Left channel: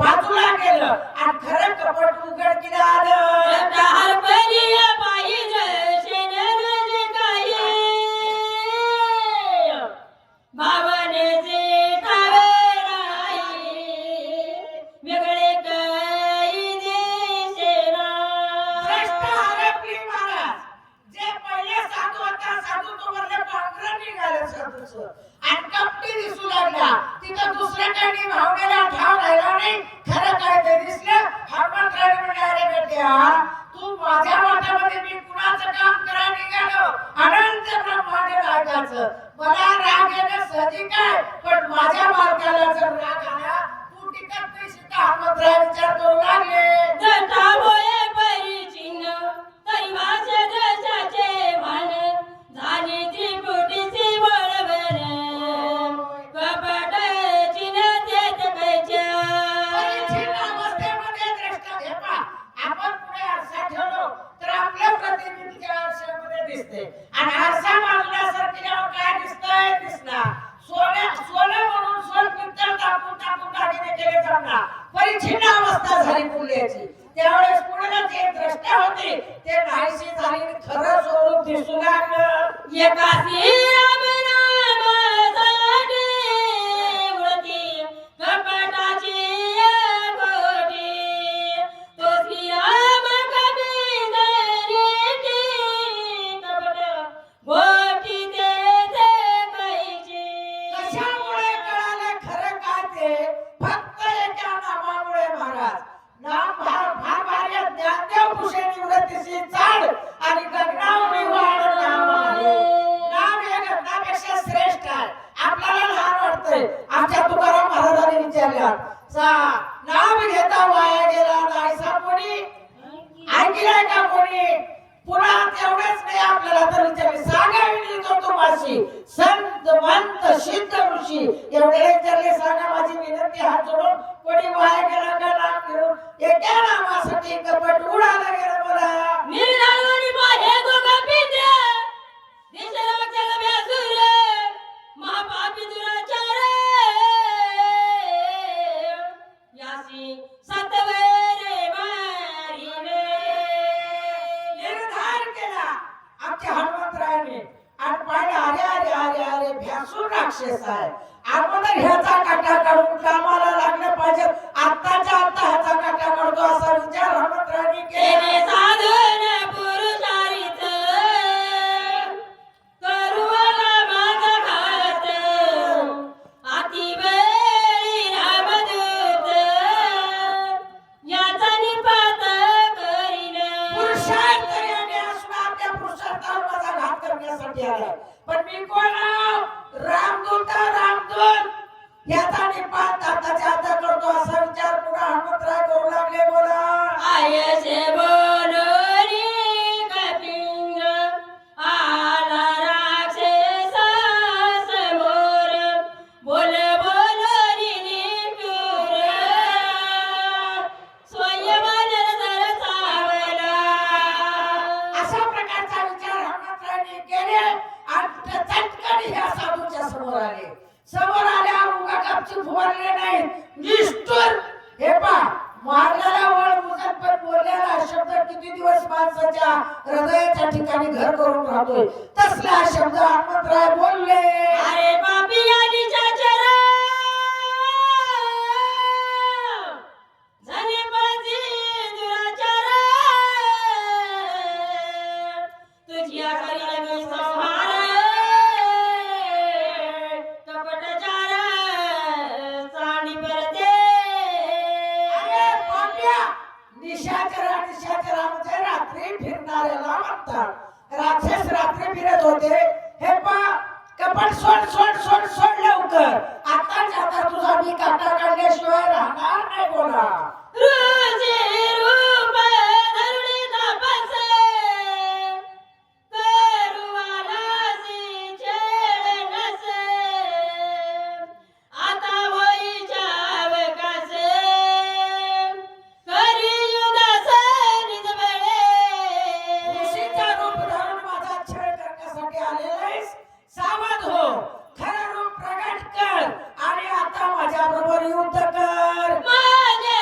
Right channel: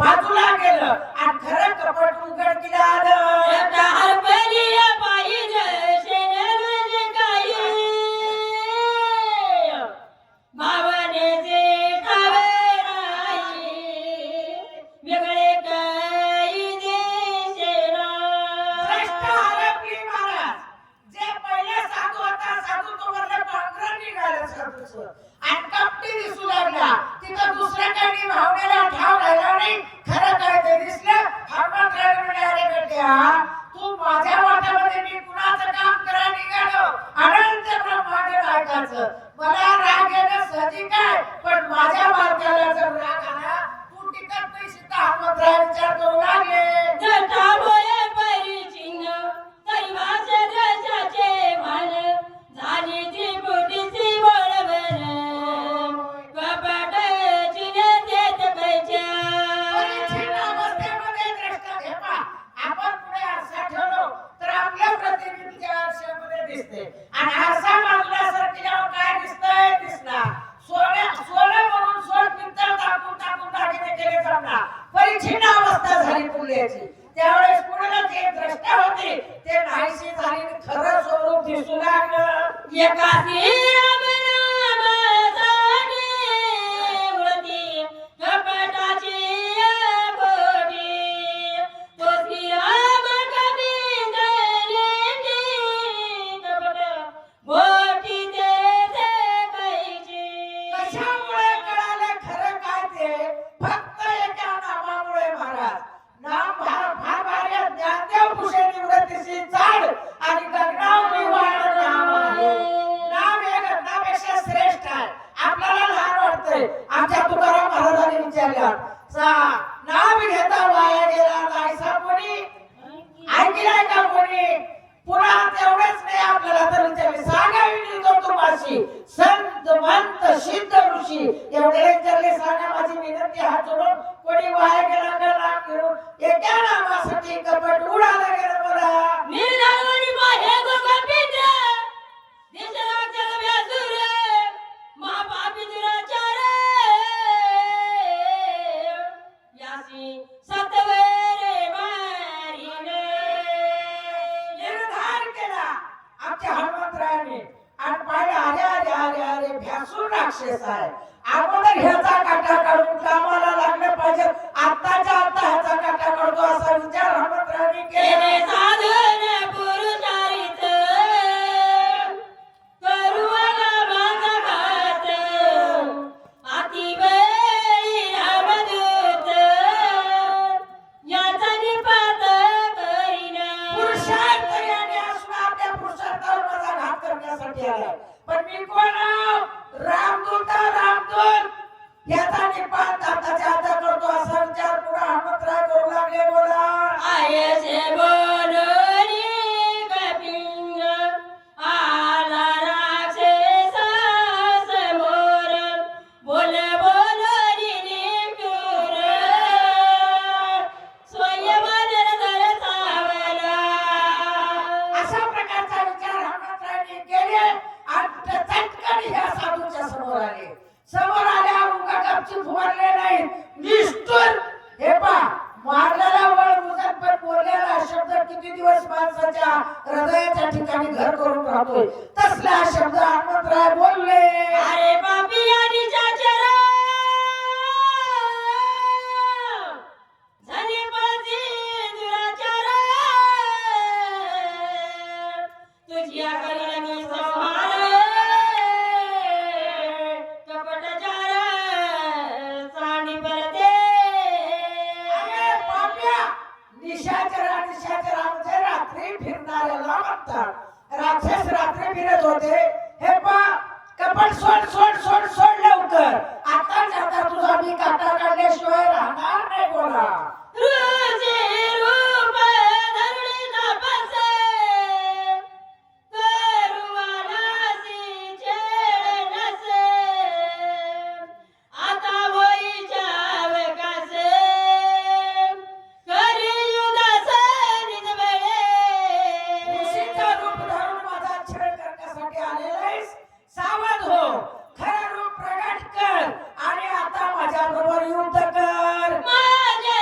बाजूला गेलं आणि खरं कपट उघडकीला आलं. भ्रष्ट हरपली महाराज. जे पहिले साधू होता साधू तो वरले पांढरं निघालं साधूचं आणि कपटी दिसू लागला. तिथं दुसऱ्या काही भावनेला ठाव राहिला नाही. खरं काय ते दिसलं. हनुमंतराय म्हणाले, अरे बेट्या तू माझ्या वाट्यामध्ये मी कुणाचं काम करायला निघालो. अनंत ब्रह्मांड रागाचं मला राग येणं साहजिक आहे, पण माझ्या मालकाला जर राग आला तू टिकत नाही. सीता हनुमंतराय विचार करू लागले. आणि आरसा मारल्यासारखी जेव्हा काय दिसतंय दिसणार. सोनं म्हणून सोन पित्तळ टाकून टाकून दागिने केले जाणार. परिच्छिन्न अवस्था झाली पुढल्याची. त्यावेळेस पुढे जे द्रष्टा होते ते नाहीशी झाली. खरं स्वरूप दिसू लागलं. एकासी कशामुळे कळाले खरं काय ते? फक्त एका नामामुळे महाराज. नाम फार भारी आहे. ज्ञानदेव भूषणी व्रतीची चाड आणि गगनावरी वाढ नाम आहे. नाम हे गगनापेक्षा श्रेष्ठ आहे. आपल्याला लहान वाटतंय. आमच्या तुकाराम महाराजांनी विचारलं, नाम घेता वाया गेला नाहीसा कोणी? ऐकलाय का कोणी? पुन्हा तेवढेच नाही आपल्याला तर विचारले, सांगावी तो तुम्हाशी संत मंत सिद्ध ऋषी एवढे विचारले. सांगा माझी विनंती हात जोडून. कोणी वाया गेला का नाम घेऊन? एका नामासाठी कपट उडालं गेलं मला. निर्धार केला आमच्या हनुमंतरायाने आणि पाहिलं, अरे अरे अरे अरे भ्यासून राक्षस आहे. अगोदर ह्याचा काटा काढून कामाला लागलं पाहिजे. आत्ताच्या आत्ता ह्याचा काटा काढतो असा विचार हनुमंतरायाने केला. पुरुषार्थ याने असून आपल्या पुरुषार्थावर माझा घात करण्यासाठी आलाय. पण मी कोण आहो? रामदूत रामदूत. याचा निपात आताच्या आता करतो असा विचार पुन्हा हनुमंतराय करू लागले. बोला अशा प्रकारचा विचार हनुमंतरायाने केले आणि चटकन ह्या साधूच्या समोर आले. समोर आल्यावर उगा गपचूप फुवारले नाही. निष्ठुर हे पा मारलेला वळ उजत पण बोललेला शब्द किती दिवस माणसाच्या हृदयाच्या ठिकाणी घर करून राहतोय. तसला शब्द हनुमंतराय बोलले. अरे पापी तुझ्या करीन मी संहार कपटचार चांडी परते. अरे पाप्या, निशाचरा म्हणजे रात्री फिरणाऱ्याला म्हणतात. राक्षस रात्री फिरत होते. हे पा कपट सोड सोड सोड सोड लवकर. आता जाता तुझा मी काटा काढल्याशिवाय राहणार नाही. बोला खरं रूप प्रगट कर आणि आता माझ्या बरोबर युद्ध कर. माझ्या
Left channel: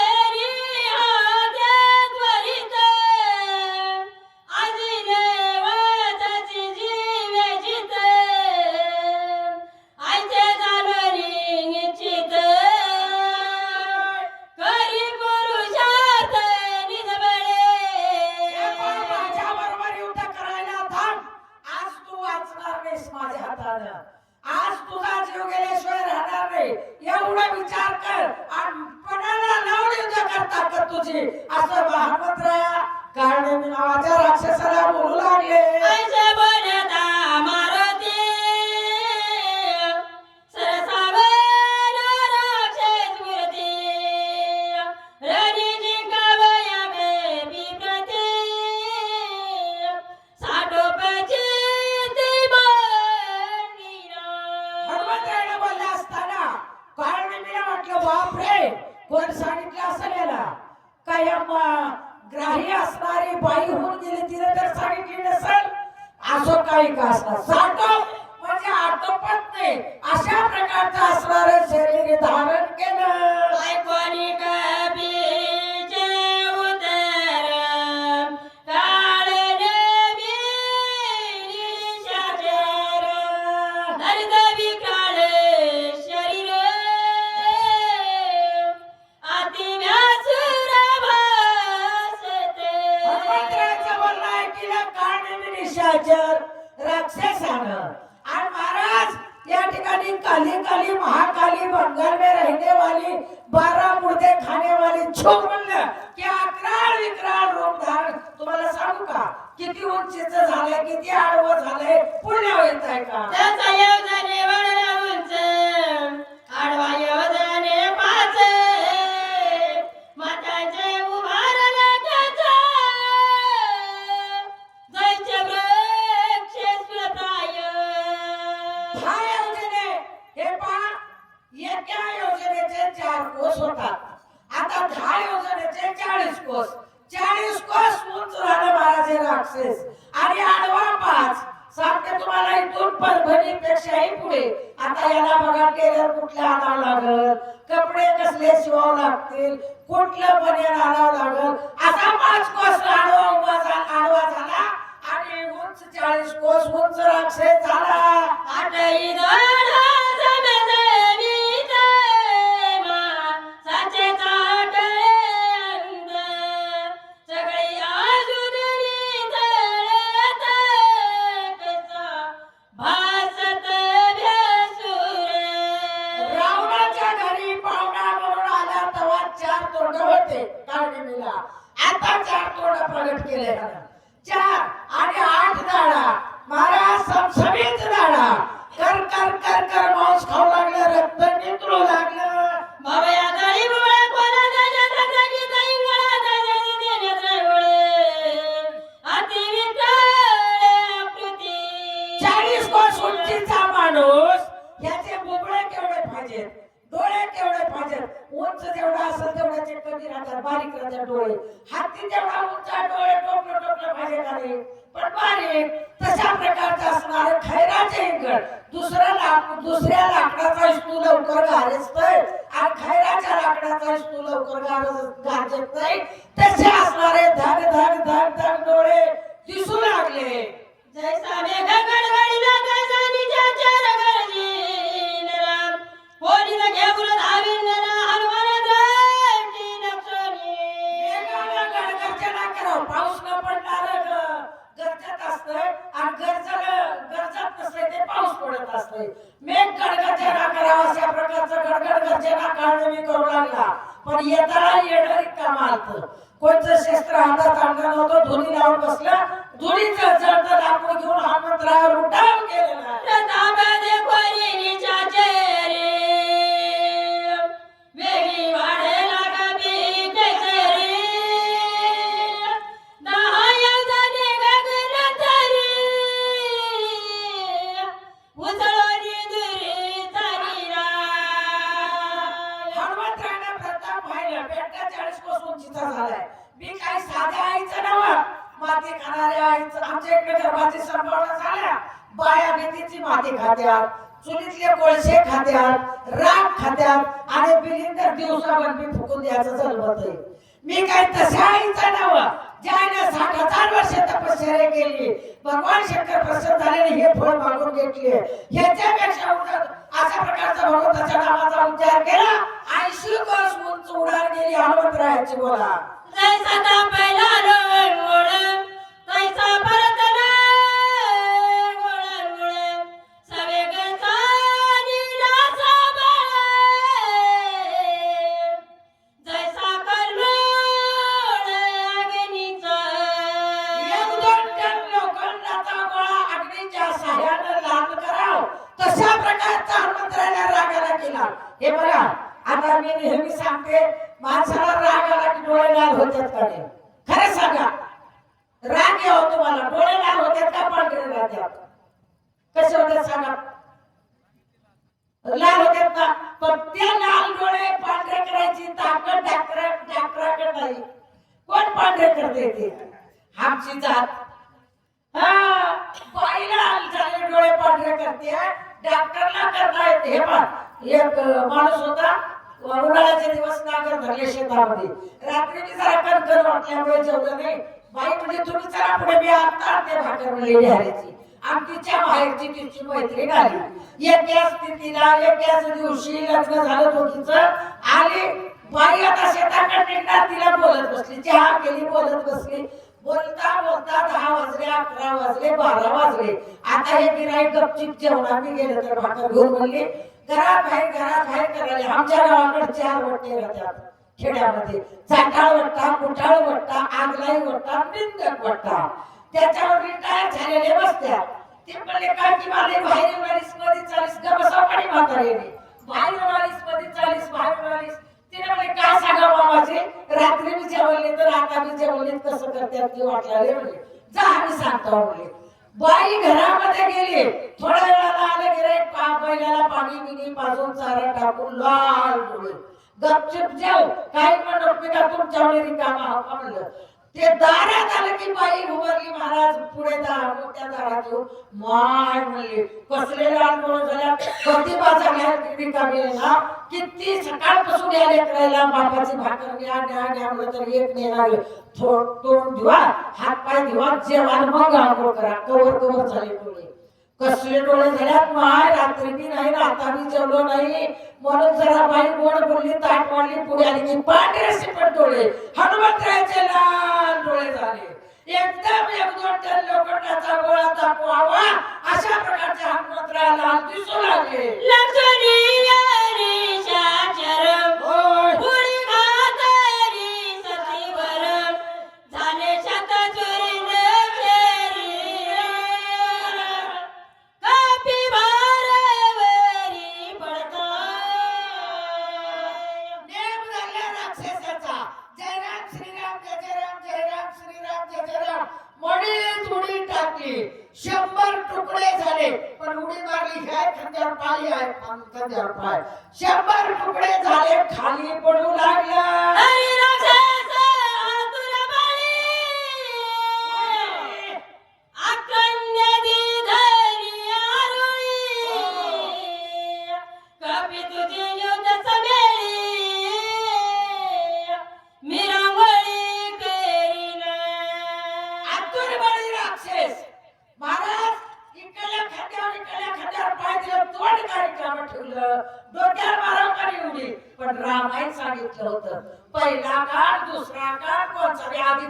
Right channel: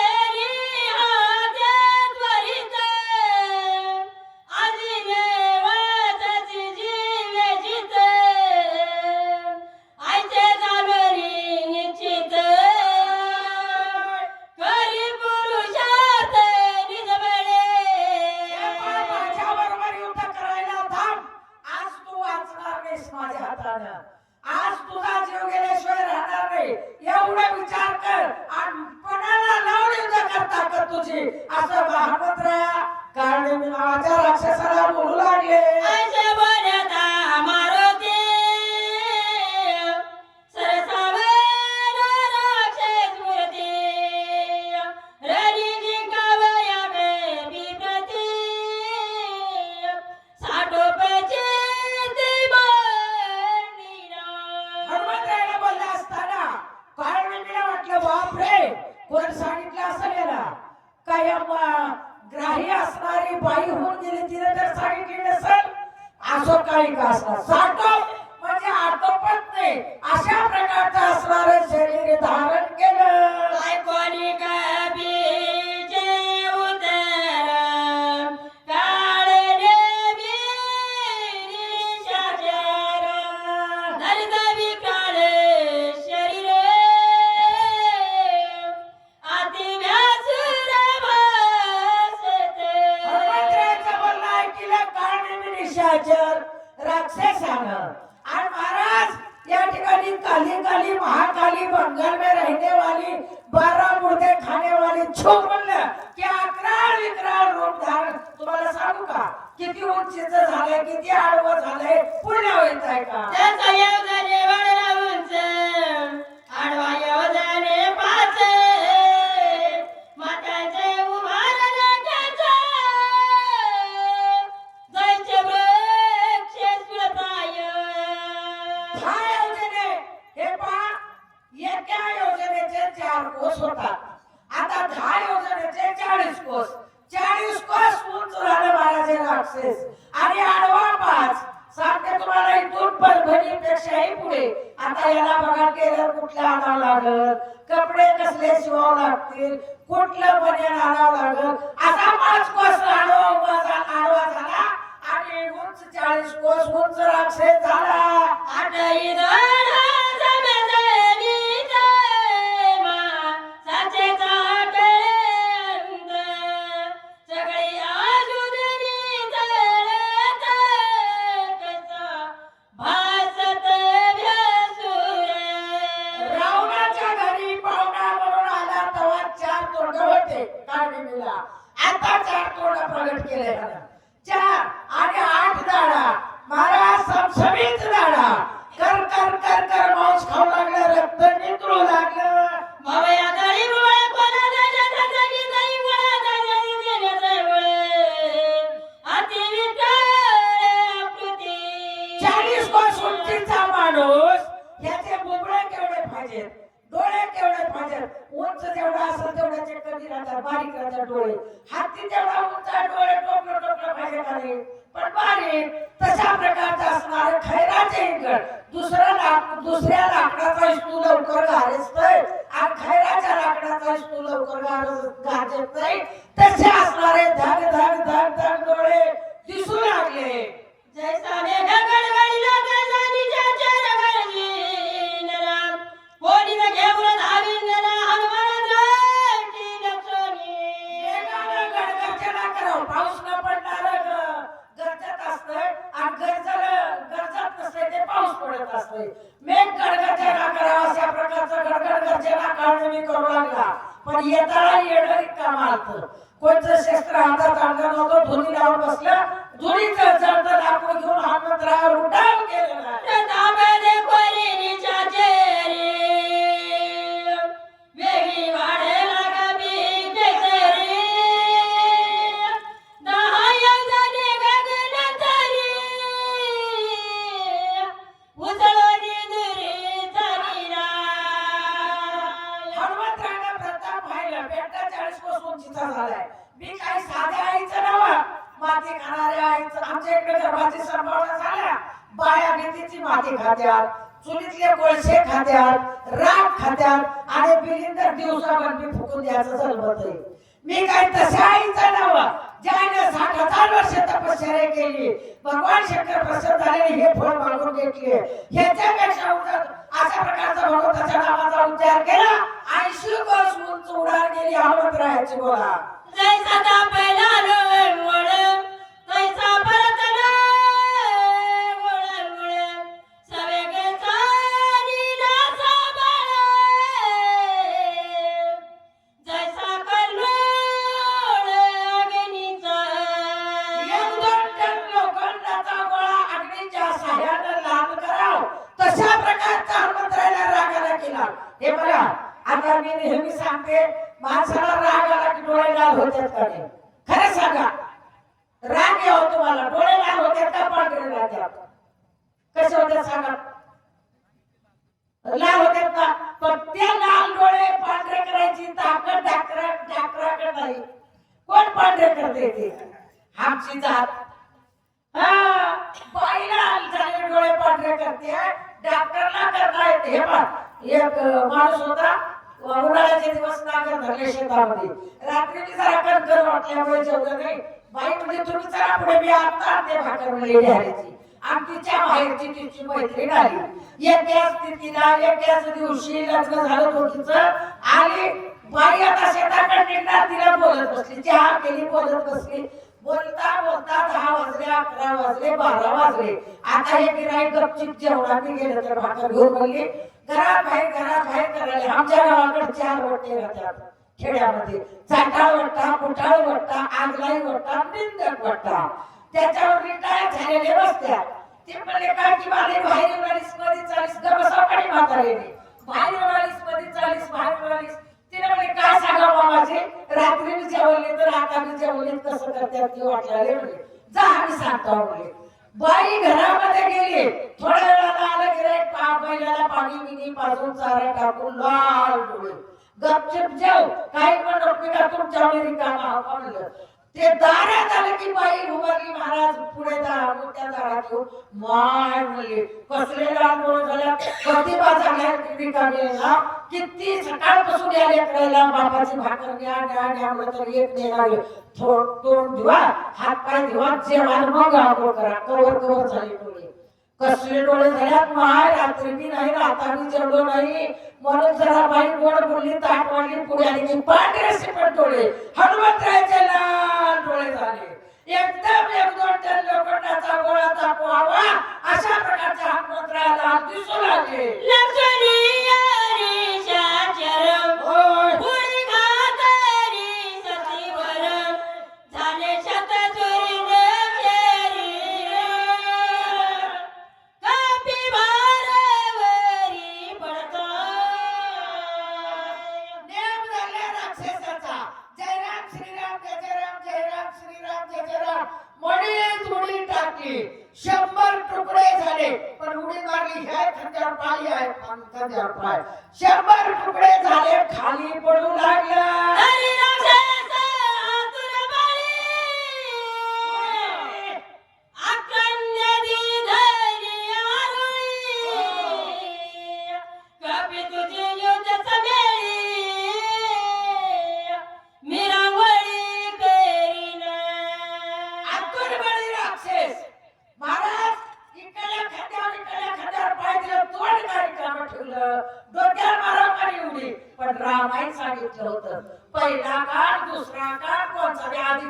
तुझी असं हनुमंतराया काळने मी नावाच्या राक्षसाला बोलू लागले. ऐसे बोलता मारुती सरसावला राक्षस मूर्ती रणी जिंकावया विप्रती साठोपची ती मांडीना. हनुमंतरायाला बोलला असताना काळने मी म्हटलं बापरे कोण सांगितलं असं याला काय ग्राही असणारी बाई होऊन गेली तिने तर सांगितली नसेल असो काही का असणार साठो म्हणजे आटोपत नाही अशा प्रकारचं असणारं शरीर धारण केलं. ऐकोनी कबीचे उदर काळने निशाचर धरित विकराळ शरीर अति व्यासुर भासते. हनुमंतरायाचं बोलणं ऐकलं काळने निशाचर राक्षसानं आणि महाराज या ठिकाणी काली काली महाकाली बंगाल में रहने वाली 12 मुर्दे खाने वाली छो म्हणलं की अकराळ विकराळ रूप धारण तुम्हाला सांगू का किती उंचीचं झालंय किती आडवं झालंय पुण्य होत आहे का. त्याचा योजनेवर राहूनच आडवा योजने पाच माताचे उभारला त्याचा जैसे वृक्ष सुलताय. हा योजने हे पहा एका योजनेचे 4 कोस होतात आता 10 योजनेचे 40 कोस 40 कोस उंच झालं महाराज हे राक्षस आणि आडवा 5 सांगते तुम्हाला इथून परभणीपेक्षाही पुढे. आता याला बघा टेलर कुठला आणावं लागल कपडे कसले शिवावं लागतील कुठलं बनेन आणावं लागल असा 5 कोस आडवा झाला आणि उंच 40 कोस उंच राक्षस झाला. आठही दोन जमेवीत मा साचेचा कळंद सगळी आजुदरी तळत कसा भासत भ्यासुर. रावणाच्या घरी पाहुणा म्हणून आला तेव्हा 4 तोंड होते काळनिमीला आता 4 तोंड प्रगट केले 4 आणि 8 दाढा महाराज समसमीत दाढा कर कर कर कर मांस खाऊ लागलं रक्त नितळू लागलं. भवया दळी मुळे कोणा देण्याचा जागी दळी मुळे देण्याचे वळे अति विठाळ आकृती. 40 कोस उंचीचा माणूस याचे बुबळे केवढे पाहिजेत डोळे केवढे पाहिजेत उंच जेवढा असेल तेवढ्याचे कमी राहतात बारीक राहतात डोळे हाती तेवढा उंच डोळे टोपलं टोपलं पाहिजे का रे पण बारीक तशा प्रकारचं असणारं खैराचे इंगळ दुसऱ्या लाकडाचा इस्तू लवकर गारजतोय आणि खैराच्या लाकडाचा इस्तू लवकर गारजत नाही तसे असणारे धग धग धग धग डोळे दिसू लागले. जैसा मेघ गडगडीला तैसा निजाचे रगडीन राम होलीन घेऊन धावीन हनुमान रामची लक्ष्मी. मेघानं गडगर्जना करावं पाऊस न पडणार गरजत असतंय आणि गरजत नसतंय ते पाऊस पडत असतंय. मेघ गडगर्जना करावं अशा प्रकारचं गडगड गर्जना काढणं मी करू लागला पण येताना येणं रिकामं आलतं कोणतं शस्त्र हातात आणलं नव्हतं धुनी लावून बसलं धुनीचं जळतं लाकूड घेऊन हनुमंतरायावर उठाव केलेला. प्रतापदे कोरीच्या चेरी वेगी वाढेला कबी केसरी 10 योजने गगन तरी उसळोनी दुरी तरीला. हनुमंतरायानं प्रताप पाहिलं बेटा 40 कोस उंचीचा झालाय मी काही साध्या आईचं नव्ह माती खाणाऱ्या आईचं आमच्या इकडे गर्भाची संभावना झाल्या बाया भीतीची माती खात्यात चुलीतले कोळसे खात्यात राख खात्यात आणि बिलिंदर दिवसाभर मी फुकून द्यायचं जलबत मी काही तशा आईचं नव्ह ज्याने 60,000 वर्ष तपश्चर्या केली भगवान शंकर प्रसन्न झाले हे फळ मागून घेतले ह्याच्यापेक्षा अशा प्रकारचा भगवंताच्या नावाचा उच्चार केला 80 कोस उंच उडान गेली हनुमंतरायाची बोला. जैसा तापला लोंगोळ तैसा परतला गोळंगोळ सवेगचा नीला साबळ जैसा करलो माणसाला राग आला की डोळे लाल होतात का नाही? खरं सांगा, राग यावं तुम्हाला, डोळे लाल होतात का पांढरे राहतात? कसे होतात सांगा? लाल होतात का? पण ते लाल डोळे पांढरे करायची ताकद डॉक्टराकडे नाही. कोण पांढरे करते ते? आमची जात. हा, बाईला झाले डोळे पांढरे करते, डॉक्टरला करता येते. हे पहा, एक माणूस होता, उन्हाळ्याचे दिवस नागर धरले शेतामध्ये. रात्री मी जरा कणकण वाटल्यामुळे जेवलं नाही. बाई म्हणजे तुम्ही चला पुढे, मी आता ते भाकर म्हणले ढाळायची. आणि तिच्या बाहेरची तिची मैत्रीण आली. एकाच तिथीला एकाच दिवशी लग्न झालं दोघीचं. आली बाई आता शेताकडे निघणार, तिला बोलत बसली, चहा केली, बोलत बसली. बोलता बोलता 10 वाजले, 11 वाजले, 12 वाजले. आता हे गिराईक गपचिप जेवणार. मी गेलं तर भाकर घेऊन म्हणली घरात बाहेर करायला. आमच्या गावाकडे 4 वट्टे राहतात खेड्यामध्ये. चाटाळ वट्टा, कुटाळ वट्टा, आगलाई वट्टा, निंदक वट्टा. त्याच्यावर रिटायर झालेले बसत्यात. ते म्हणले काय की मला बाहेर येणारीस मध्ये 40 गबसाकडे म्हातारेने बाहेर येणारीस मध्ये 40 बाहेर येणारीस. तिने म्हणले काय सांगा मामाजी, रात्री मी जेवले तर आता मी जेवले कसं करतात की वाटले म्हणले. जा आम्ही सांगतो म्हणले. बाई घरामध्ये गेली. थोड्या वेळाला आलं गिराईक, बैलाला पाणी बिनी पाजून चारा टाकून लाल डोळे. गपचूप जेव, काही पण नको का तुमच्यावर रिकामा हवा म्हणलं. ते दारात आलं की बाई उभारली. महाराज पुढे त्या दारात येऊन माय म्हणले कसले लाल डोळे झाल्या, कधी बाजारला रिकामी आहे ना. किती सकाळपासून यायला करायला बापाची भाकर न्या म्हणलं तर एक नेणार. तोंड धुवा, हात पाय धुवा, जेवण मग आंघोळ करा. कवर झाले डोळे. कसले डोळे झाल्यात माय. रात्री मी नाही, आता मी जेवलो नाही म्हणून जरा बाई गोड बोलली, ताट वाढली, पुढे आली की पांढरे शिपट डोळे. हनुमंतरायचे लाल डोळे झाले. एकदम 1-2 टन लोखंडाचा गोळा तापवावा अशा प्रकारच्या हनुमंतरायाला दिसू लागले. टाकली 100 तुकडे झाले. पण उडी मारली हे खंजर पाय आहे, खंजर पाय 100 तुकडे झाले, खाली पडू लागला. पण रामायण सांगितलं होतं पहिला काळ, दुसरा काळ, कोणचा आधी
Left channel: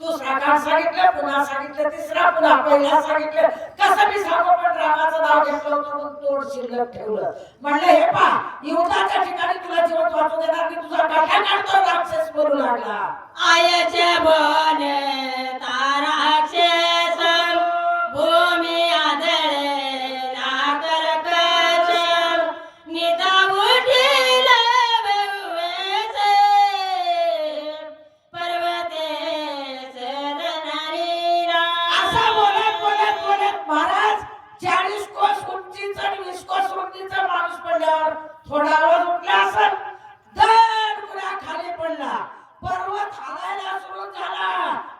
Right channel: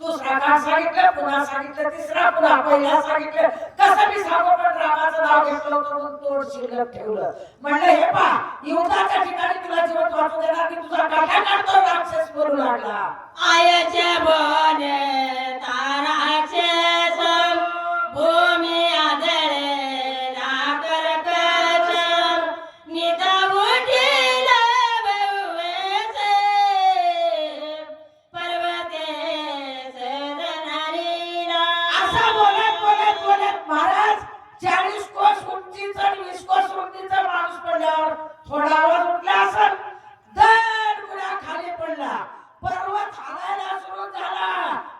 दुसरा काळ सांगितलं, पुन्हा सांगितलं, तिसरा पुन्हा पहिला सांगितलं. कसं मी सांगू, पण रामाचं नाव घेतलं होतं म्हणून तोड शिल्लक ठेवलं. म्हणलं हे पा युद्धाच्या ठिकाणी तुला जीवन वाचू देणार मी, तुझा काटा काढतो राक्षस बोलू लागला. आयच्या बोले ताराक्षस भूमी आदळे नागर कच निदा उठीला बेवसे पर्वते सदनारीला. असा बोलत बोलत बोलत महाराज 40 कोस उंचीचा आणि 20 कोस उंचीचा माणूस पडल्यावर थोडा आवाज उठला असेल, दर पुन्हा खाली पडला. पर्वत हालायला सुरू झाला.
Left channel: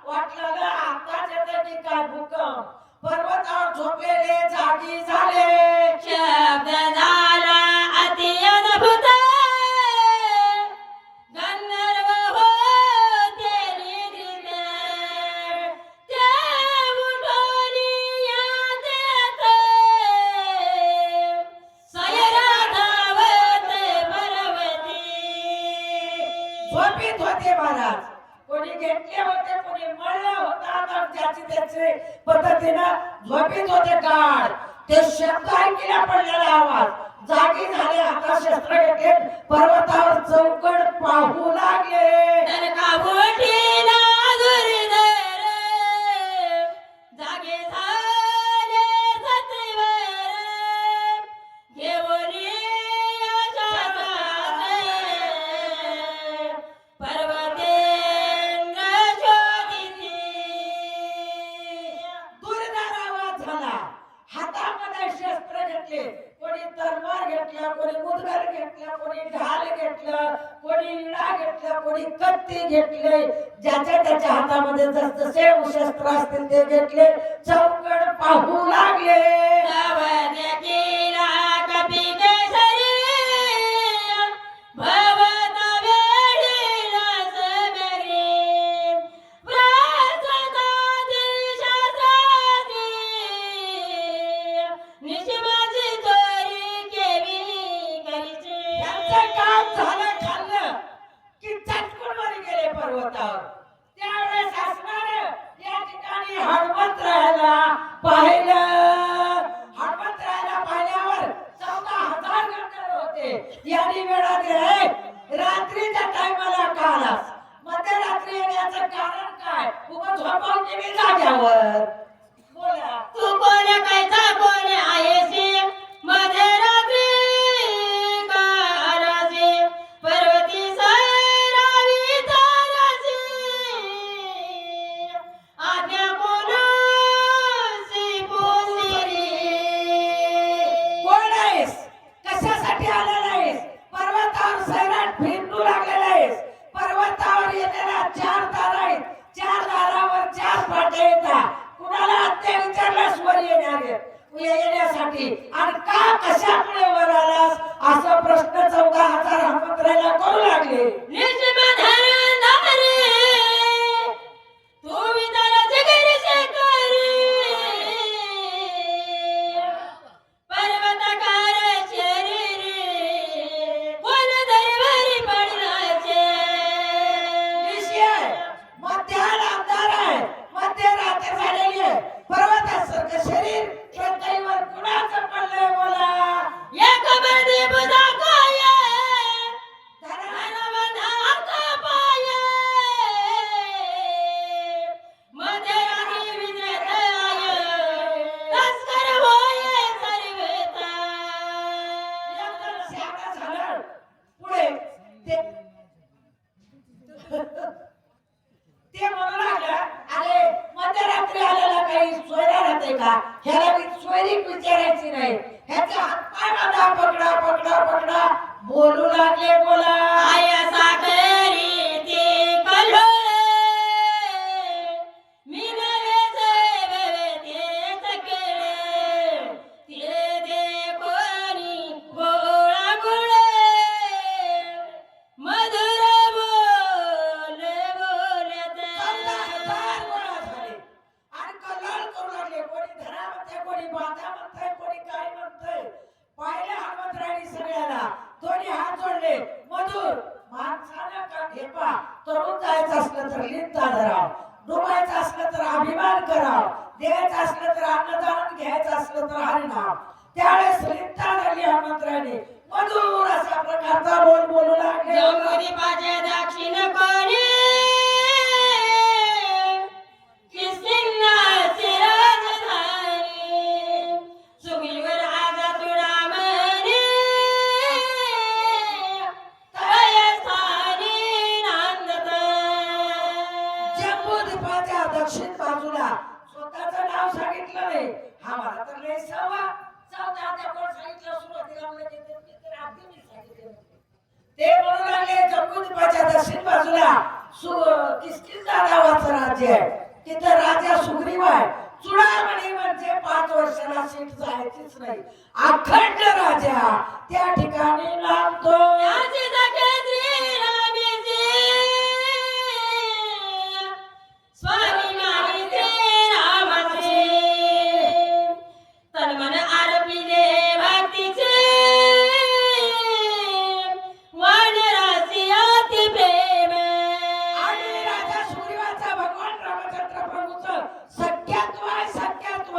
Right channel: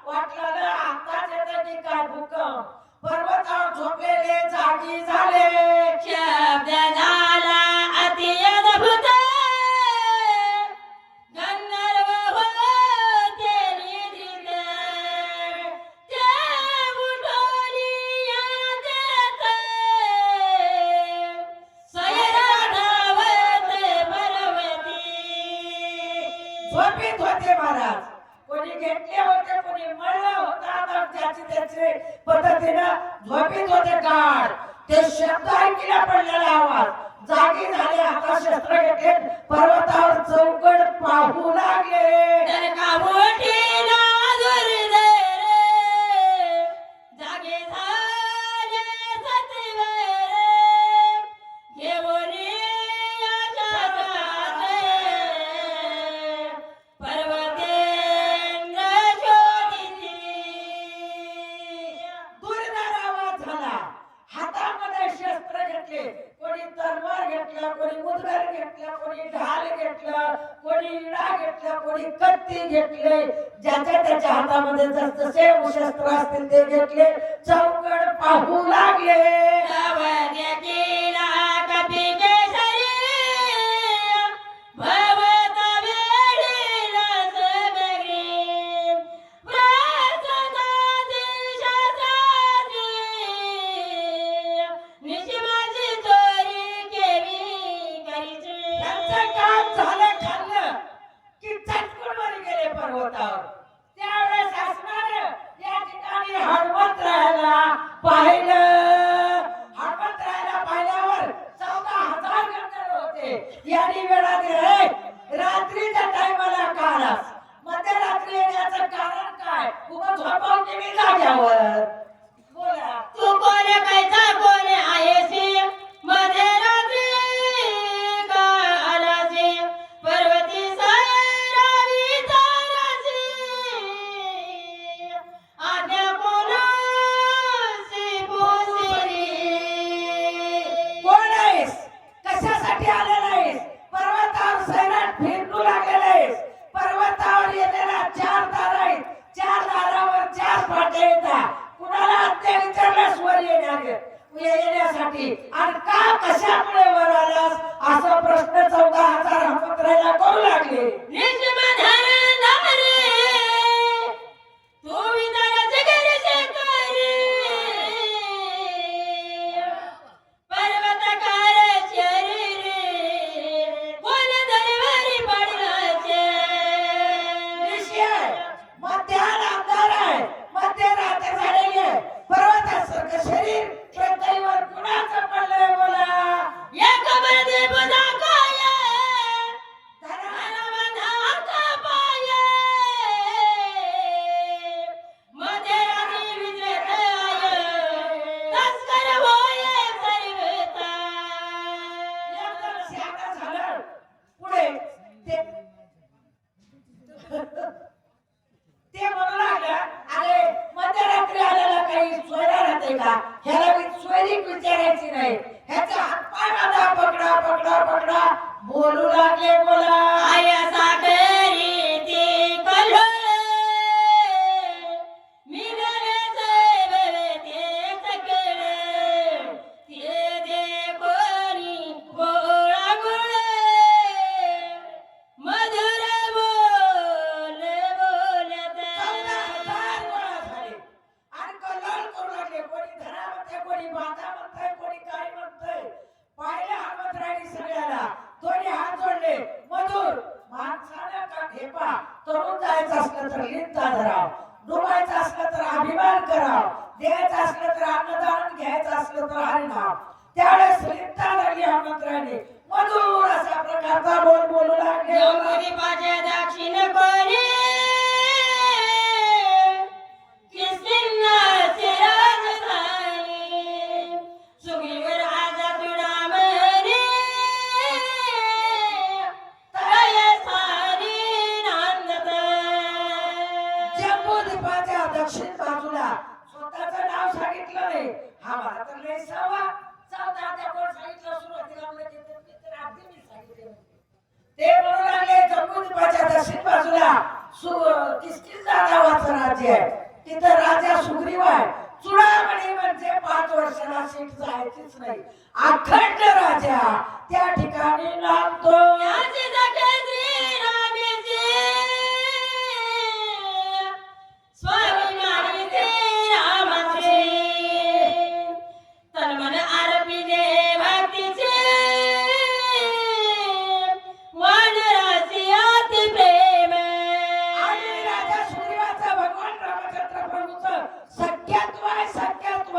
वाटलं ना आताच येते की काय भूकंप. पर्वतावर झोपलेले जागी झाले. शब्द झाला अति अद्भुत गंधर्व होते निधीन ते उठोनी यादेत सैराधावत बलवती. झोपीत होते महाराज. कोणी घेतले होते, कोणी मळलं होतं. आता ज्याची त्याचे पद्धतीनं झोपीत होते. काळ ते शब्द ऐकल्या पडलेला आवाज जागी झाले. आता शस्त्र घेतले, पर्वतावर चौकड पाहू लागले. तर का उठीला दुर्धर जागे झाले सत्वर घेऊन कोणी कत्ती घेतले, ज्याच्या त्याच्या हातामध्ये जसजसे शस्त्र असतील ते घेतले, चौकड पाहू लागले. नवद्यातीला कपी केसरी भवत वेळीला समेग्री प्रसन्नाती शास्त्राती निशिमाची चोरी केवी करीची. यांचं काम झालं खाल्लं की चटकून वर गेले पर्वतावर. त्यावेळेस असणारे या ठिकाणी हनुमंतरायाला पाहिलं. हनुमंतरायाला पाहिल्यावर 14,000 गंधर्व होते. यांनी वेळा दिले, रात्रीच्या टायमाला का आलास? मध्यरात्री येण्याचं कारण काय? उभं झोपाव की मी जाग्यावर? बोला. तू कोण कैसा कोण आहेसी मध्यरात्री का आलासी पर्वती सैरावी तारासी आज्ञा कोणासी पुसिरी. कोण आहेस? कशासाठी आलेला आहेस? पर्वतावर सैराट फिरणू लागलेला आहेस. पर्वतावर येणाऱ्या 4 दार आहेत. 4 दारावर 4 फाटे येतात. कुणाला ते विचारल्यास वर येण्यासाठी आणि का कशामुळे वर आलास असा प्रश्न 14,000 हनुमंतरायाला करू लागले. निष्मधर नारी तू विचाराचे करीचे करी पर्वतकार शरीरी कोण दरबारी पडलाचे. निशी आहे, मध्यान अंधार आहे, मध्यरात्र झालेली आहे. पर्वतासारखं शरीर पृथ्वीवर कुणाचं पडलंय बोला. या कबरदे बदा काय धना धनवंता का पाय मध्यरात्री विजेत आय तस्कर होय सर्वता. एकदम शहाणा झालं. पुढे ते म्हणू लागलं, अरे मध्यरात्री आलेला काही सोयरा राहते का? ह्याला सोयरीक विचारायची नाही. ह्याचा हातपाय बांधा, पकडा पकडा पकडा. बोलू लागले बोला. आय सागरी ती कल्होळे मी गणेश बेवे ते सकळे ते दे कोणी गोळा गुळे मधुर बोल बोलत. 14,000 गोळा झाले आणि कल्लोळ करू लागले. कोणी धरा म्हणतंय, कोणी बांधा म्हणतंय, कोणी काय म्हणतंय. पाहिलं हनुमंतरायांनी सगळ्याला. दोन्ही हात जोडले. मधुर माणसानं का घेपा. तरुण जायचं असलं तर लिंता धराव, डुबायचं असलं तर अभिमान कराव, द्यायचं असलं तर अन्नदान, घ्यायचं असलं तर हरिनाम. त्यावेळेस लिंता धरली हनुमंतरायांनी. मधुर अशा प्रकारचा बोल बोलू लागले. जंबुदीपाचे दक्षिण कोणी किस्किन्नाचे राजधानी सुग्रीवर आजा तुडामणी तळयस्थानी नांदत. जम्बूद्वीपाच्या दक्षिण बाजूला स्वतःचं नाव सांगितलं नाही. हा मला तर लय सवा 14 कोण सांगितलं सुरुवातीला म्हणलं की ते अगदी मी सांगितले. ते म्हणू लागले जम्बूद्वीपाच्या दक्षिण बाजूला किष्किंधा नावाचं राज्य आहे. तिथं राजा सुग्रीव आहे. चुडामणी म्हणजे 5 वर्षाला सीट जायचीच नाही. अखंड राजा त्या ठिकाणी नांदतो. याची जगत्री रामीची स्वामी नारीचे रामाचे तन्मन आरपिले भक्तीचे वानराची अति प्रेम. आणि राजा सुग्रीवाचा भगवान रामचंद्र प्रभूचं सख्यत्व आहे. सख्यत्व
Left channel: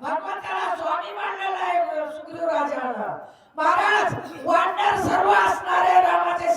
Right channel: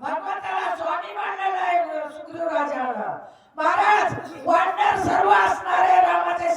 भगवंताला स्वामी मानलेला आहे सुग्रीव राजानं. महाराज वांडर सर्व असणारे रामाचे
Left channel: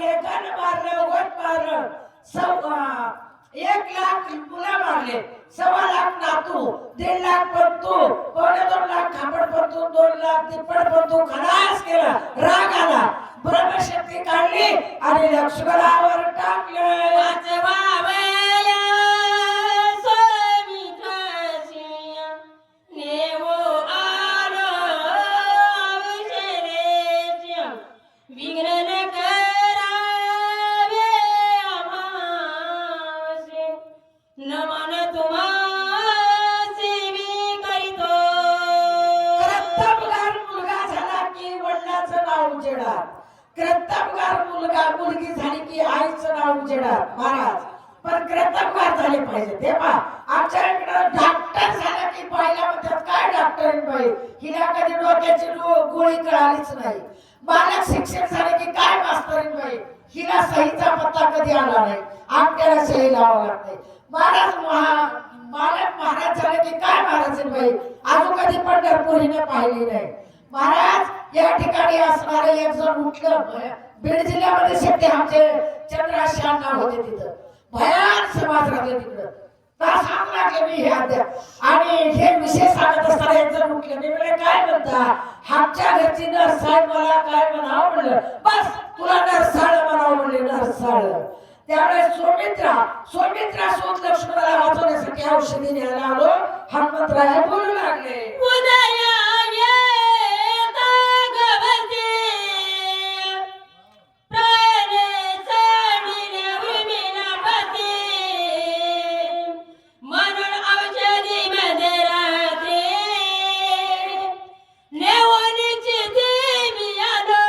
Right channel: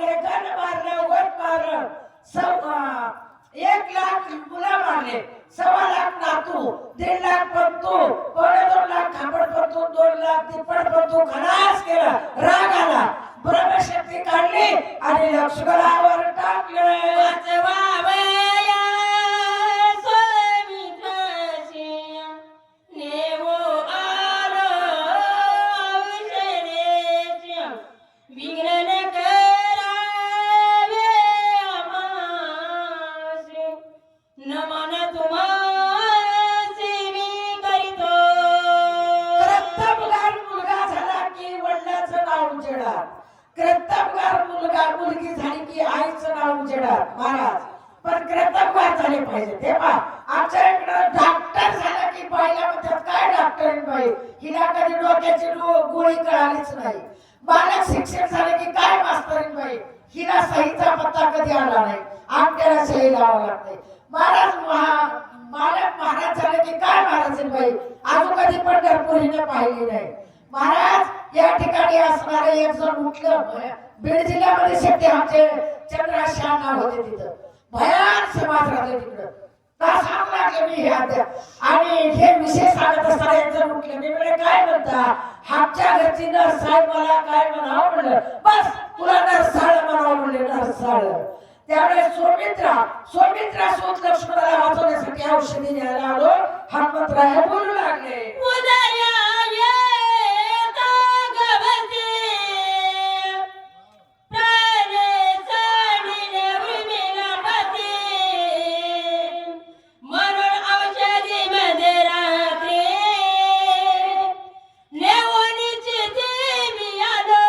मारले, गण मारलं, वट मारलं, 1 लाख मुलं मारले, 1.25 लाख नातू, 1.5 लाख पंतू, 2.5 लाख खांबड पंतू, 2 लाख तिप्पड पंतू खलास केलं. राग आला, ब्रह्मशक्ती काढली आणि लक्ष्मणावर टाकलं. वाचवावया स्वामित्राची नेवो आलो औषधेची विघ्न न करावे आम्हासी नमन तुम्हासी मी करीतो. कर्तबगार मुलगा झाला की वडिलांचं नाव उजेडात, कर्तबगार मुलगी झाली की आईचं नाव उजेडात. महाराज पण कर्तबगार झाले पाहिजे. ते पहा आमच्या इकडं डॉक्टर झाला की बाईला म्हणतात काय डॉक्टरीन बाई, हिला कधी डोक्याची गोळी कळालीच नाही. बालक शिक्षण झाले की काय मास्तरीन बाई, हिला सहीचा पत्ता कधी आला नाही, आमट्याला सही लावावं लागते. बालक महाराज झाले की काय महाराज बाई, अजून कधी पंढरपुरीने पाहिली नाही. महाराज या ठिकाणी असणारे एक जण उठलं, बीड जिल्ह्यामध्ये शेट्टी आमचे चंद्रशान नाव होते, तिथं भयान समाज राहते तिकडं. का सांगू लागले मी हे आणि हे विषय सांगत असताना एक जण उठले, मी म्हणे काय म्हणता, आमच्या घरची नरसाळ मला काय म्हणावं म्हणलं, बस तुला नरसाळ म्हणावं म्हणले, नरसाळ. त्यावेळेस सोमित्रा शोध लक्ष्मणाला वाचवण्यासाठी औषधी न्यायला आलो. हनुमंतराय बोलू लागले, उदया येता गवती प्राण चढिले उर्मिलापती म्हणून औषधी मध्ये रात्री नेवणीची देवी आलो.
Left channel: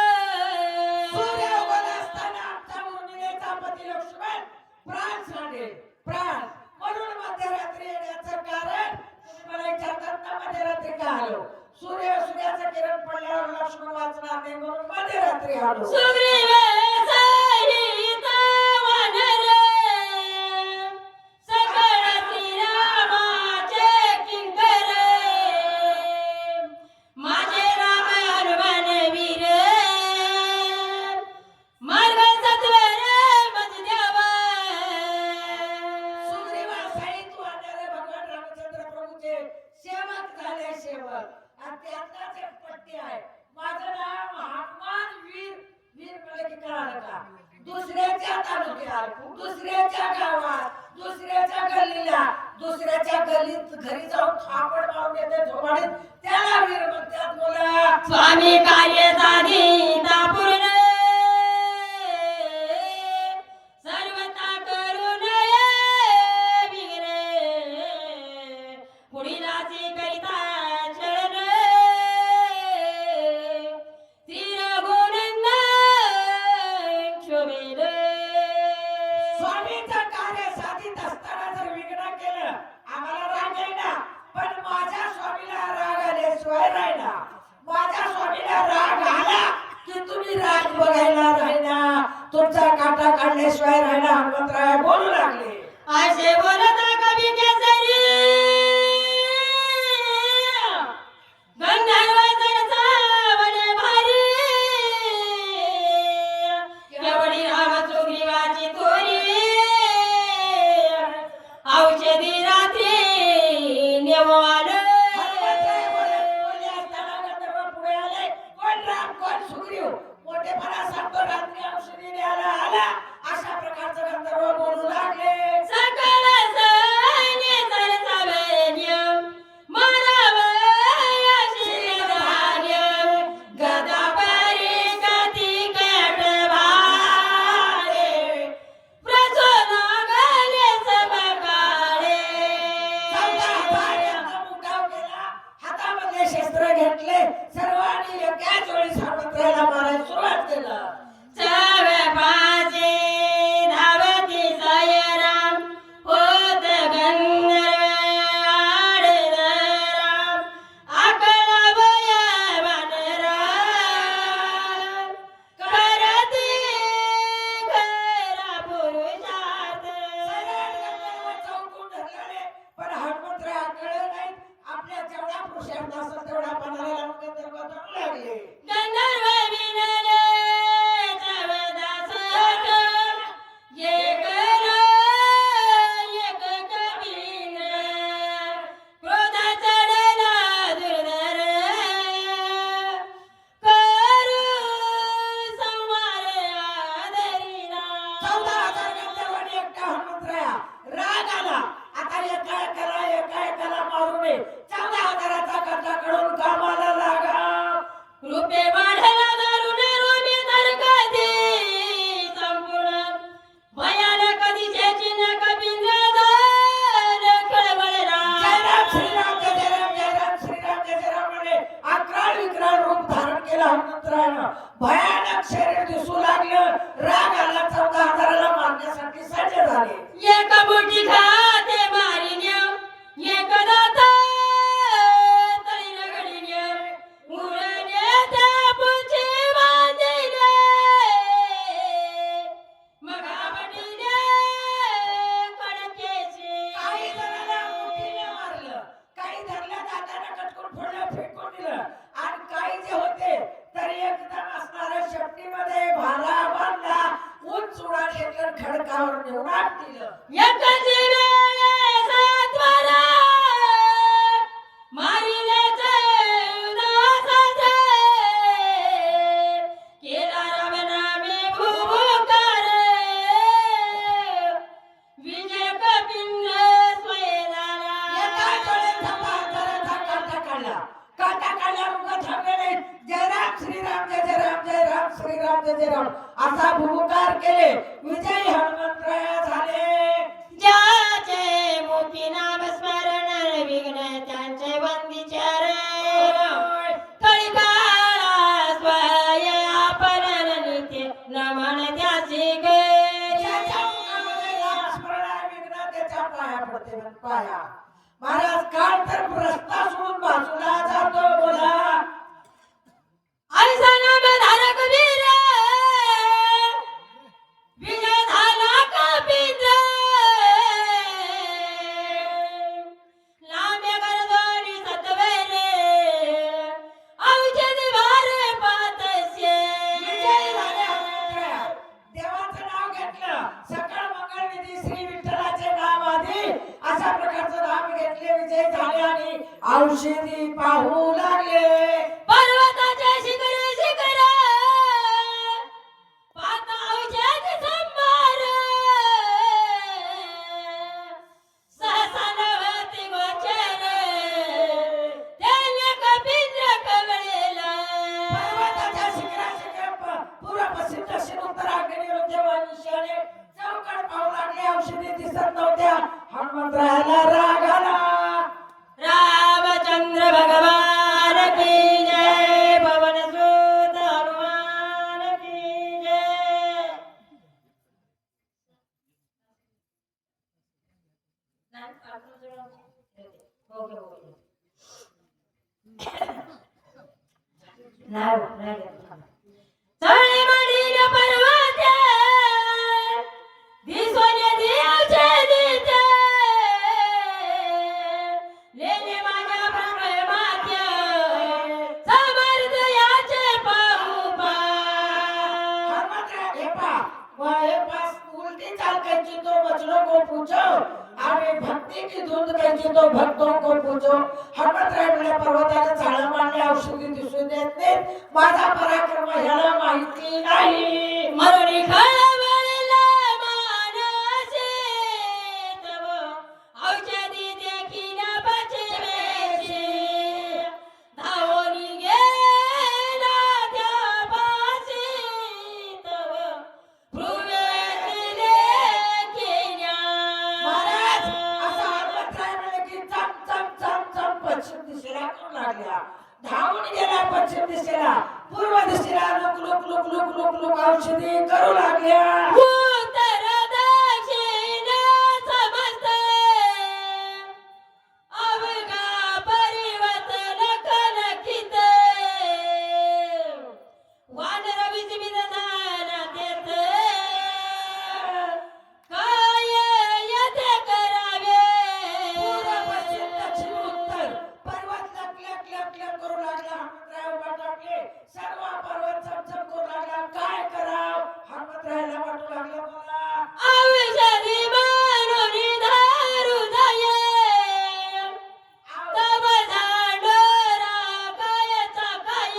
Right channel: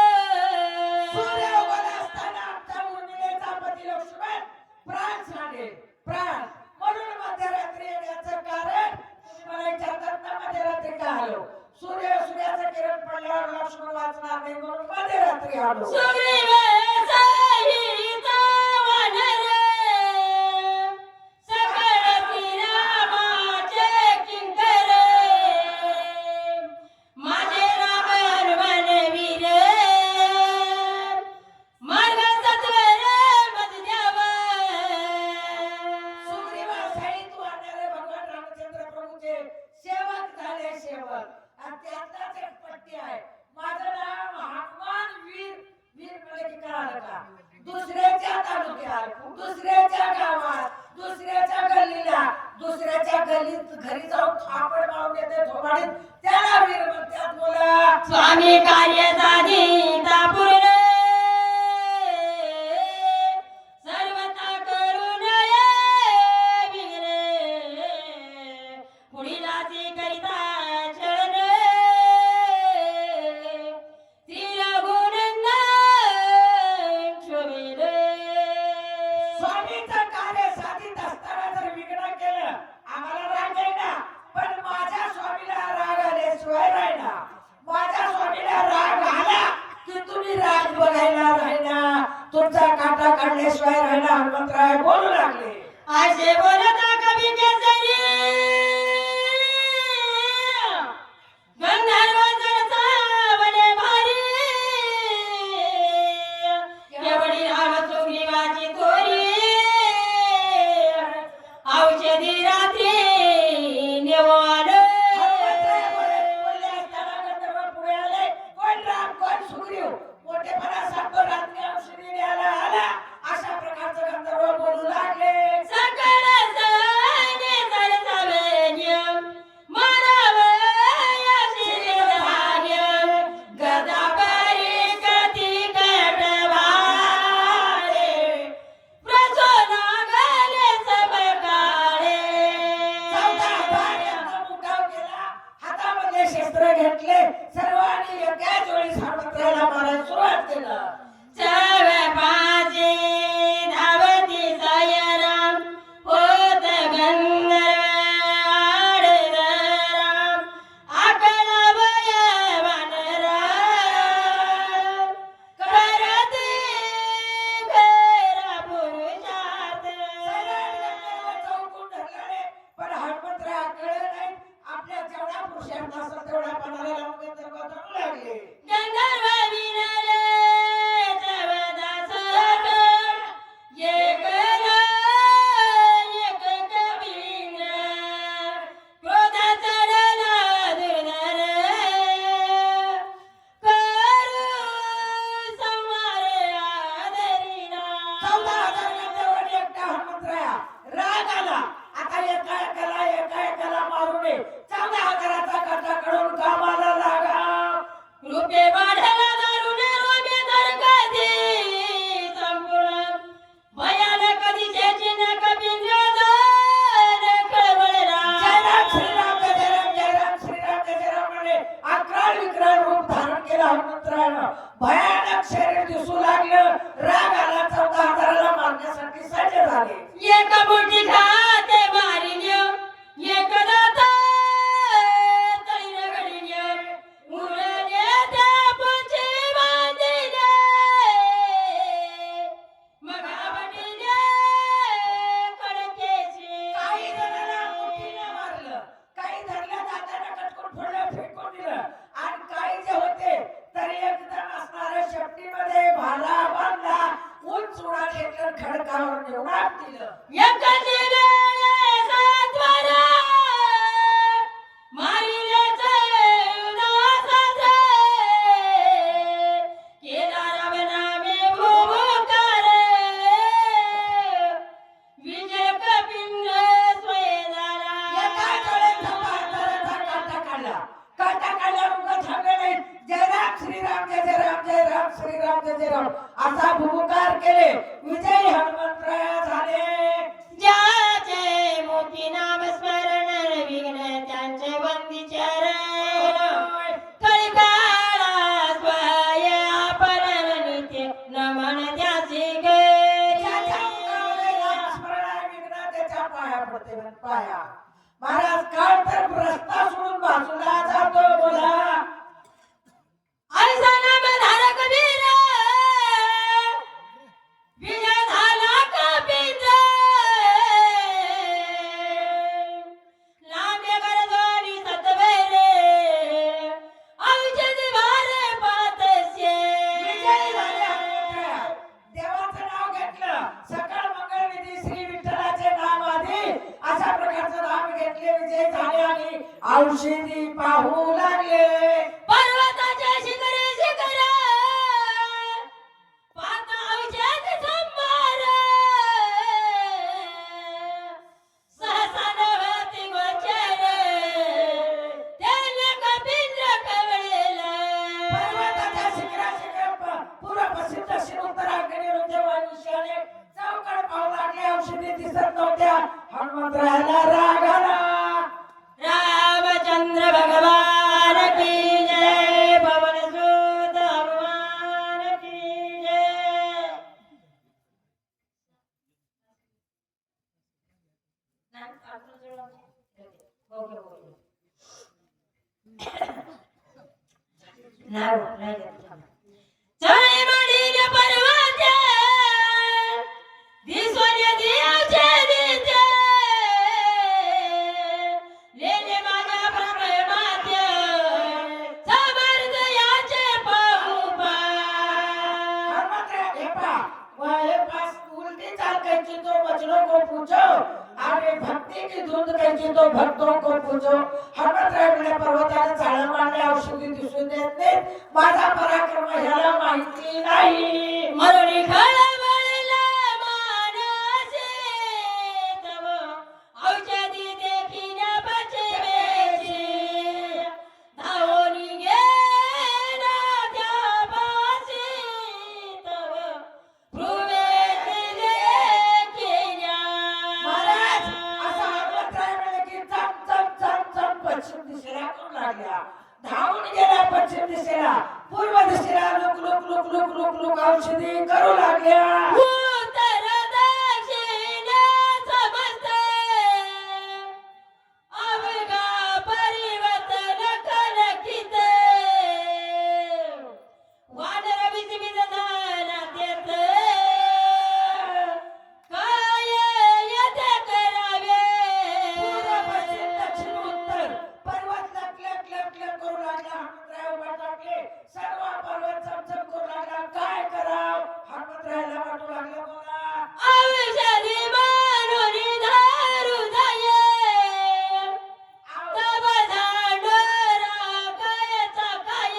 सूर्य उगवला असताना आमचा उर्मिलेचा पती लक्ष्मण प्राण सांडेल, प्राण म्हणून मध्यरात्री येण्याचं कारण तुम्ही मला विचारतात ना, मध्यरात्री का आलो. सूर्याचं किरण पडल्यावर लक्ष्मण वाचणार नाही म्हणून मध्यरात्री आलो. सुग्रीव सहित वानर सकळ श्रीरामाचे किंकर माझे राम हनुमानवीर मार्ग सत्वर मत द्यावा. सुग्रीवासहित वानर भगवान रामचंद्र प्रभूचे सेवक झाले, सेवक. आणि त्यातलाच एक पट्टी आहे, माझं नाव हनुमान वीर. वीर म्हणजे की कळालं का, दुसऱ्याच्या तालुक्यात, दुसऱ्याच्या गावात, दुसऱ्याच्या गल्लीला, दुसऱ्याच्या गल्लीत घरी जाऊन थापड मारून येते थोबाडीत, त्याला वीर म्हणतात. बोला स्वामी कार्य साधिता पूर्ण सर्वता करून विघ्न पुढीलाची करिता चरण तिरगुणंद शोभेल. स्वामीचं कार्य साधित असताना जर विघ्न केलं, आम्हाला राग येईना, पण माझ्या स्वामीला राग आल्याशिवाय राहिना. माझ्या स्वामीला राग आला की तुम्ही राग बघायला राहिना, तुमचा काटा काढल्याशिवाय राहिना. हनुमंतराय बोलू लागले, असे बोलता कवी केसरी गंधर्व जडसावले भारी एवढी राम सुग्रीवाची तोरी औषधी रात्री नेवो आलो. हनुमंतराय बोलले असताना गंधर्व पुढे आले. कोण राम कोण सुग्रीव, मोठेपणा सांगतो रात्री औषधी न्यायला आला, अशा प्रकारचं गंधर्व बोलू लागले. सकळ सैन्य सरसवैन्य मारावया शिरधार्य गदा परिकती कटभारे प्रसोनागले सबकाळे. 14,000 यांना मुकाव केला, हातामध्ये शस्त्र घेतले, सर्वांनी एकाच वेळी हनुमंतरायला मारायला सुरुवात केलं. चवपाची धावती सयराम होत गंधर्व आडराम आकला वया वानरा करती घरा पुरुषात. चौकून धरले, पण हनुमंतराय कळलं नाही. आपल्या जेवढा पुरुषार्थ असेल तेवढा पणाला लावून गंधर्व धरू लागले. गंधर्व विनरे हनुमंतरायानं भयानक शरीर दिसू लागलं. राग आला. 14,000ला मारण्यासाठी सज्ज झाले. एक मुठी खाते मारिन्या एक दाता तळीला घडीन्या उरले त्या पुंची बांधिले मगा बटिले कडकेचे काही जणांना मुठीने मारलं, काही धरल्या दाताने कटकून फोडलं, फेकून दिलं आणि काही जे होते तरी एकदम असणाऱ्या शेपटीमध्ये भाला बांधला, उंच उडा घेतलं, खडकावर नेऊन आत दिलं. एकाची वेळे सातवारा मारिलेचे उदासाचे केला रामनामे भूभुकार विजय कपिंद्र स्वयंदारा एका डोळ्याचा पाहताराचा काटा काढला. काटा काढल्यावर उगाच थांबले नाही. जय राम श्रीराम, जय जय राम, जय राम श्रीराम, जय जय राम असा भूभुकार केले. विजय हनुमंतराय झाले. ज्याचे मुखी नाम स्मरण विघ्न त्यांचे वंदी चरण कळकाळा स्वय आपण नित्य नमन त्याची ज्याच्या मुखामध्ये नाम स्मरण आहे, विघ्न त्याच्या पाया पडते. म्हण पाया. महाराज काळ तर रस्ता सोडून बाजूला जातो. बोला ऐसा नाम धारक वीर विजय झाला कपिंद्र लांबे गरजोनी सतवेरे औषध वारे पातसे विजय झाले हनुमंतराया. देवाचं नाव घेतलं. सकळ मंगळ निधी श्री विठ्ठलाचे नाम आधी अशा प्रकारचं नाम घेतले. विजय झाले आणि औषधी पाहू लागले. पर्वताच्या शिखरी शिखर पाता औषध संभार सहसा नवती गोचर त्याने कपिंद्र कवळेला पर्वताच्या शिखराशिखर पूर्व पश्चिम दक्षिण उत्तर आग्नेय मध्य व ईशान्य चौकड पाहू लागले. औषधी दिसत नव्हत्या. हनुमंतरायाला राग आला. रामचंद्र भगवान की जय पवन सुत हनुमान की जय चळे मडील पर्वते दिसोने दिवचे दिते लेले माझ्या प्रेमाचे समर्थ याचे पाहू पा हनुमंतराया हे पहा, हे पास उलटी चाल कैची तो बचनों को पूछो आणि भक्ति की धुंद कैची तो भक्तों को पूछो. हनुमंतराय म्हणले पर्वताला झाडं मांडले, औषधी दिसून देत नाहीत. माझा पराक्रम ह्याला माहिती नाही. मरुणी खळबळला मानसे तव औषधी देखील पचवेची धावोनी गेला त्या पाशी तव भ्रुवेची देखिल्या महाराज असा हनुमंतराय म्हणले की चम चम चम चम पश्चिम दिशेला करू लागल्या. धावून गेला पश्चिम दिशेला. पूर्व दिशेला look look look look look look औषधी करू लागल्या. उत्तर दक्षिण समजते अवघा परिवर्तन कलकित वानर विचमित झाला तेथे काय येथे करावे पूर्व पश्चिम दक्षिण उत्तर पर्वत लटलट लटलट करू लागला. हनुमंतराय उभा टाकले. सर्व पर्वत चमचम करू लागला. काय कराव? हनुमंतरायाला वाटू लागलं मला औषधी मानुनी धारू दये तब झाडोरा कायचा काय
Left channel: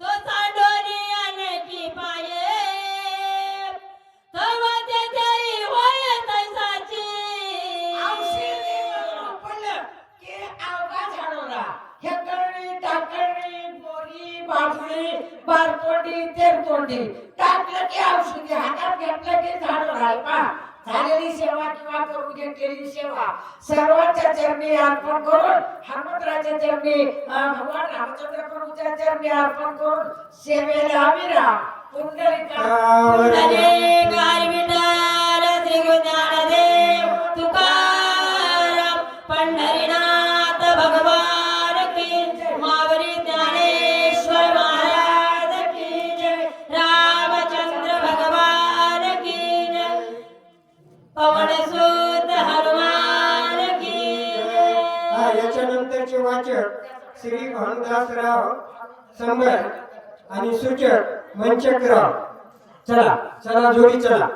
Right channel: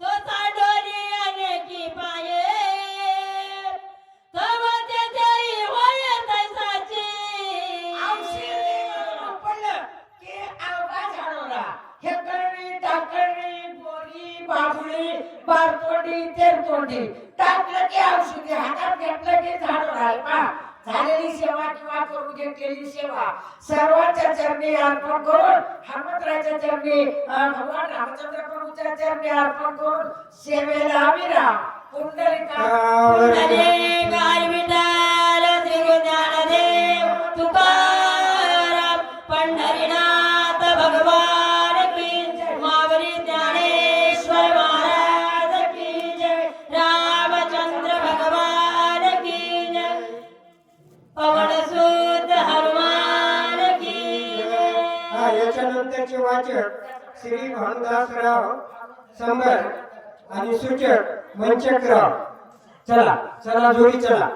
तो चांडोनी अनेकी पाये तव त्याच्याही होय तैसाची औषधी म्हणून पडलं की अवघा झाडोरा. हेकरणी, टाकळणी, बोरी, बाबुळी, बारतोंडी, तेरतोंडी टाकलं की औषधी हातात घेतलं की झाडोरा. झालेली सेवा किंवा करून घेतलेली सेवा सर्वांच्या चरणी अर्पण करून हनुमंतराच्या चरणी भगवान रामचंद्र प्रभूच्या चरणी अर्पण करून सेवेला विराम. हरे गाल विठ्ठल श्री गुरु ज्ञानदेव तुकाराम पंढरीनाथ भगवान की जय. मावली ज्ञानेश्वर महाराज की जय. रामचंद्र भगवान की जय. पवन सुत हनुमान की जय. याच्यानंतरचे वाचक श्री भानुदासराव संबर आणि सूचक वंचकराव. चला चला जोडी चला.